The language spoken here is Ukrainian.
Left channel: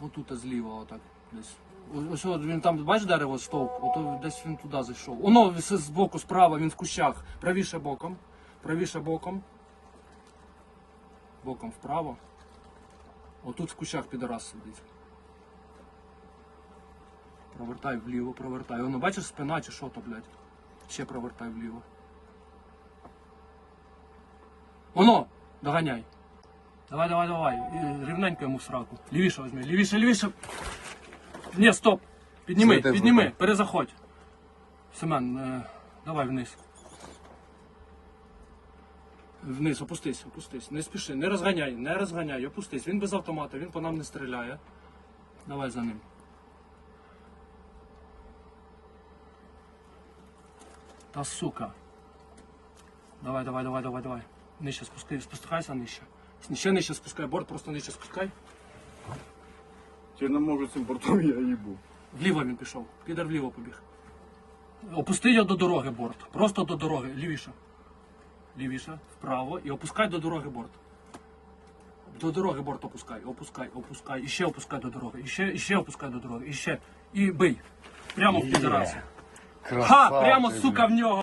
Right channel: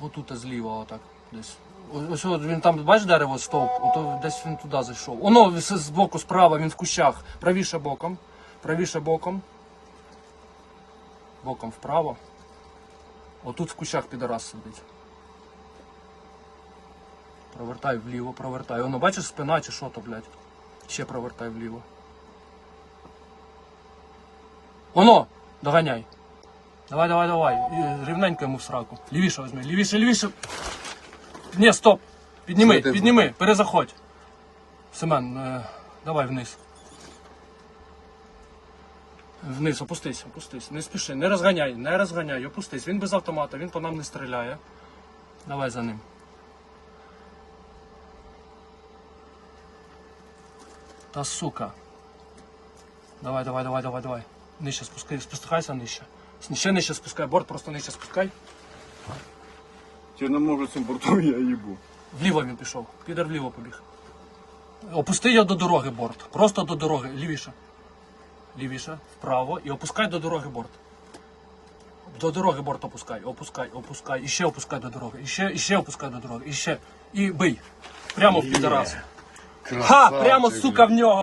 Отут зліва, отак. Десь. Ось от він там, бачиш дерево стовп, ото десь він туди зайшов. Оно з боку справа, він в кущах. Правіше боком. Правіше боком. Боком вправо. Отут в кущах підарас сидить. Провертай вліво, провертай. Воно бачиш спина чи що то, блядь? Ще провертай вліво. Оно! Доганяй. Давай, давай, давай. І рівненько йому в сраку. Лівіше візьми, лівіше, лівіше. Ні, стоп. Підніми, підніми, перезаходь. Семен, е, давай вниз. Вниз, опустись, опустись. Не спіши, не розганяй, не розганяй, опустись. Він без автомата, він по нам не стріляє. Давай за ним. Та сука. Давай, давай, давай, давай, давай. Нижче спускай, спускайся нижче. Ще нижче спускай, борт просто нижче спускай. Я не можу цим бортом, я їбу. Вліво він пішов. Підер вліво побіг. Опусти його до дороги борт. Просто до дороги. Лівіше. Лівіше, вправо і опускай до дороги борт. До дороги борт опускай, опускай, опускай, і ще опускай до дороги, і ще, і ще опускай до дороги, і ще. І бий. Прямо в підарасу. Ха! Прямо, сука, в нього.